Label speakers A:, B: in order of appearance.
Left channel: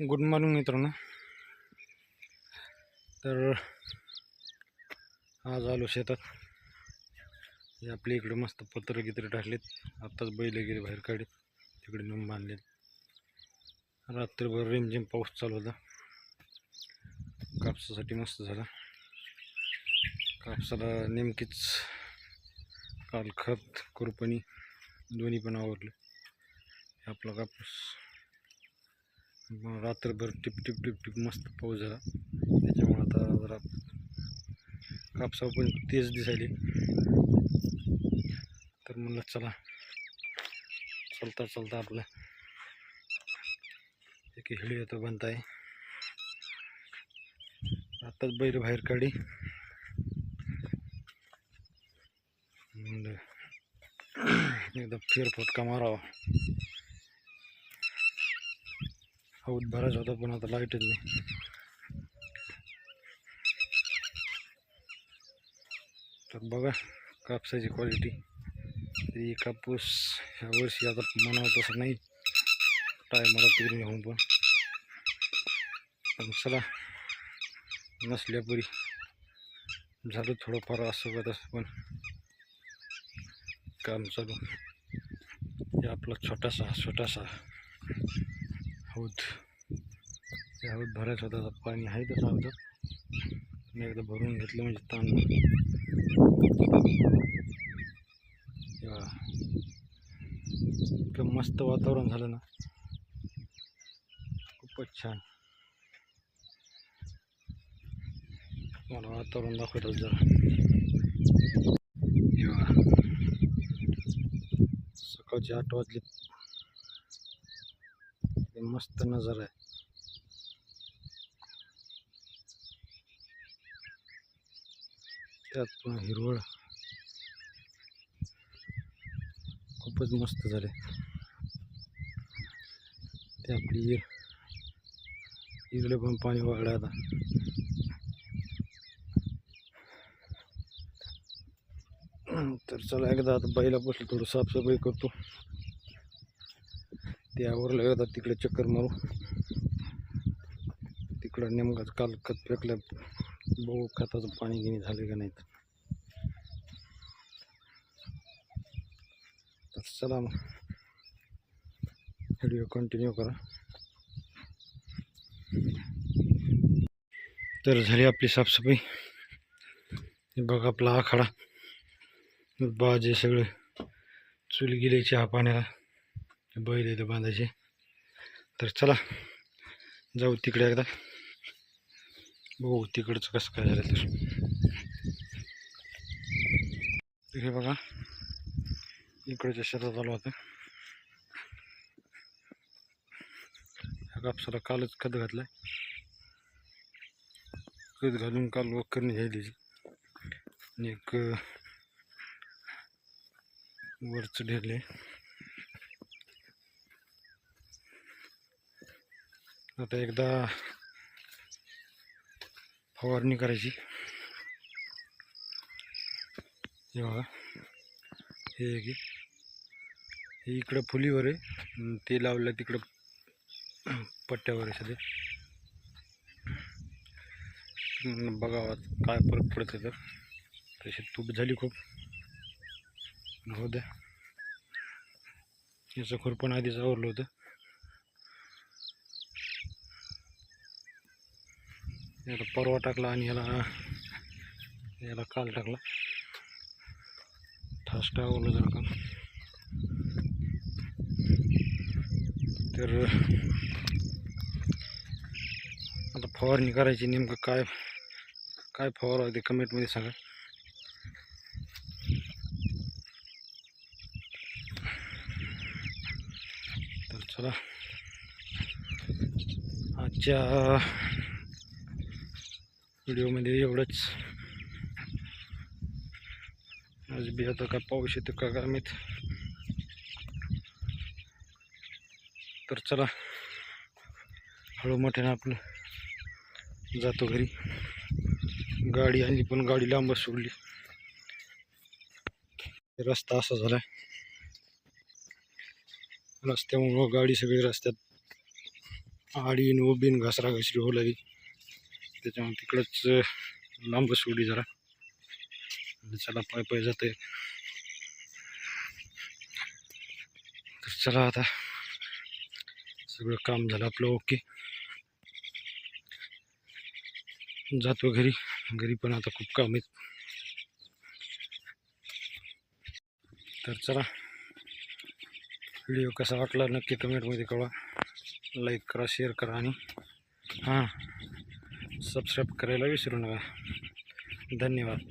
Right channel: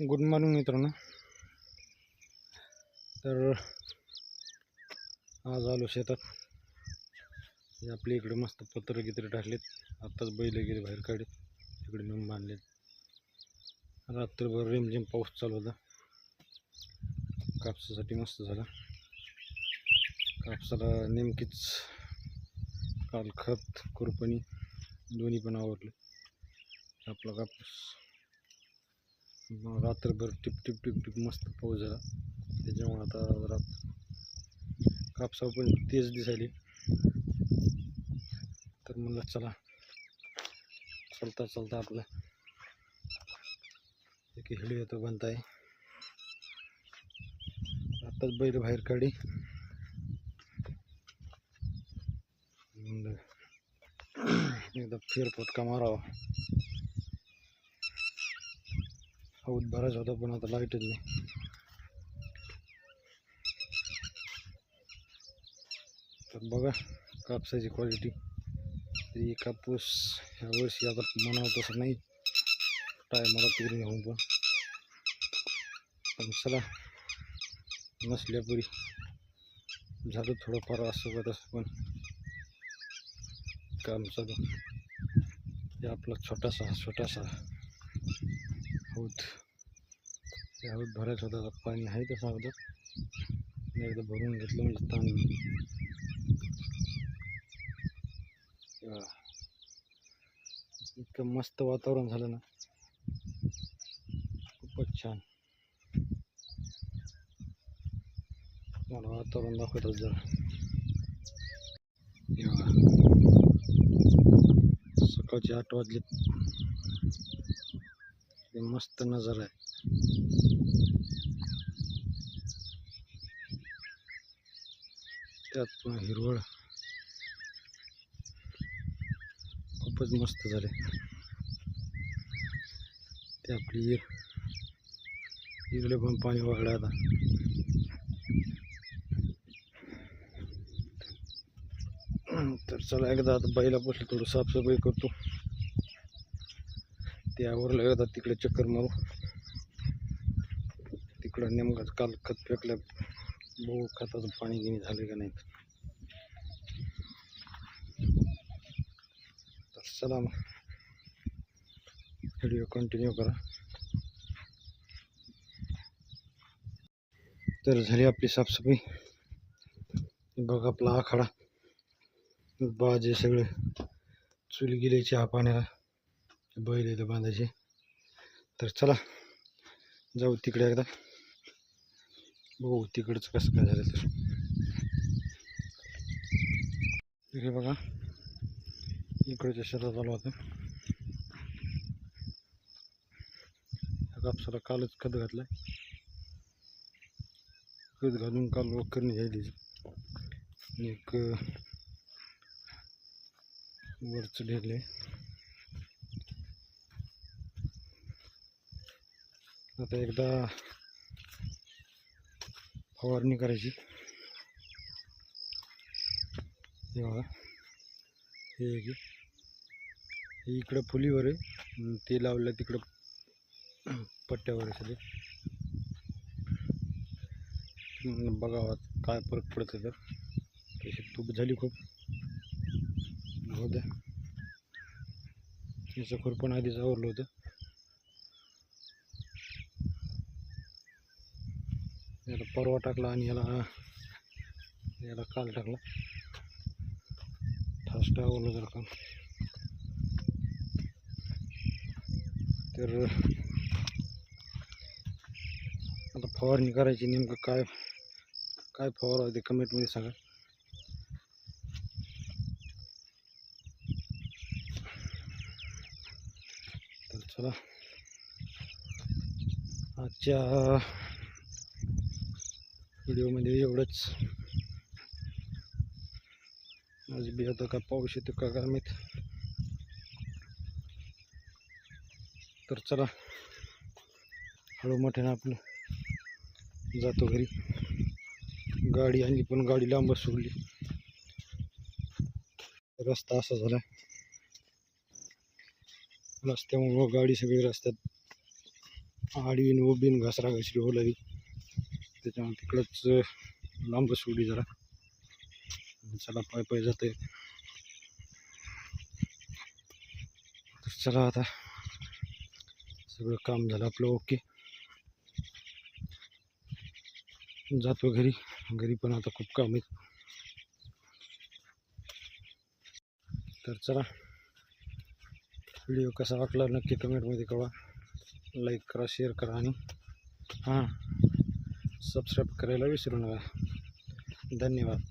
A: Good morning मित्रांनो. तर आज आलो शेतात. हे आपल्या इकडे मस्त पत्र गित्र टाकलेत. आत्ताच बैल गिरे बाहेर काढले तिकडे नेऊन बांधलेत. रात्रभर रिमझिम पाऊस चालू होता. कापसासाठी मस्त झाला. कापसाला नेमकीच काल खत कुरपणी दोन्ही पण आवडलं आपला कापूस. रात्रभर टिप टिप टिप टिप मस्त पाऊस झाला. त्याच्यामुळे आता जरा कापसा पण तेज दिसायली. तर म्हणलं चला चलता चलता आपलं एक हिळी येतो बनताय आत्ताच बैल बाहेर काढी म्हणलं एकदा फेरफटका मारावा. हौद भरायचा होता पण आता लाईटच नाही. तर बघा कापसाची क्वालिटी तरी कापूस ह्या वर्षी आता म्हणावं तसं नाही. टायमाला पेरणी होऊन पण. पण चला नसल्यापुरी. झालं थोडंफार असं करत असं पण. काम चालू. हे आपला छोटासा छोटासा हौद. हवेत भरायचं होतं पाणी आहे तसं होतं मी एकदा भरून घेतलं म्हणजे ताण. इतकं मस्त वातावरण झालं ना. खूपच छान. मला वातावरण दाखवतात जरा. सकाळची सकाळचे आठ वाजले. मस्त नजारा आहे. त्यात पण हिरवळ. खूपच मस्त झाले. ते आपली इर. इरले पण पाणी वागडं आता. तर चला एकदा आता बैला बसलं थोडं साफसफाई करतो. ते आवरलं एकदा तिकडे चक्कर मारू. तिकडं नेमकं काल खत फेकलं. बघू खताचं पाणी गिणी झाले का नाहीत. तर चला मग. व्हिडिओ कंटिन्यू करा. तर झाली आपली साफसफाई. बघा बघ आपला आखाडा. बाजे सगळे. चूल गेले चहा पाण्याला. बैल इथं बांधायचे. तर चला जाऊ तिकडे एकदा. बघू तिकडचं कसं काय झालं तर हे बघा इकडच्या शेतात आलो होतं ह्या कापसाला कालच खत घातलाय. खत घालून काल वखरणी झाली आणि एक अं, वरचं ढेरले आता एकदा फवारणी करायची. हे बघा. हे आहे. की हे इकडं फुलीवर आहे. ते लावलं तिकडं पट्ट्यावर आहे सध्या. बघावा काय फरक पडतं तर. तशी तूप झाली खूप. हो द्या. याचं खुरपण आधीच आवरलं होतं. याला परवा टाकला आणि याला याला काल टाकला. ठास टाकवलं जर का तर आता फवारणी करायची नेमकं काय काय फवारा ते कमेंटमध्ये सांगा. तर चला. आजच्या व्हिडिओमध्ये एवढंच. आज बी आता का पाऊस येतो का काय तर चला हळू मोठ्यानं आपलं जातो घरी. गाडी आणली पण गाडी लांब सोडली. रस्ता असा झाला रस्त्यामुळं गाडी सगळी रस्त्यात. आडीन उबीन घसरा घसरी होलावी त्याच्यामुळे तिकडंच लांब सोडी जरा. चला पाय पाय जाते तर चला आता. सगळं काम झालं आपलं ओके. जातो घरी. घरी पण आता खूप काम आहेत. तर चला. व्हिडिओ कसा वाटला नक्की कमेंटमध्ये कळवा. लाईक करा शेअर करा आणि हां. સબસ્ક્રાઈબ કરેલા વિસરો ના ધન્યવાદ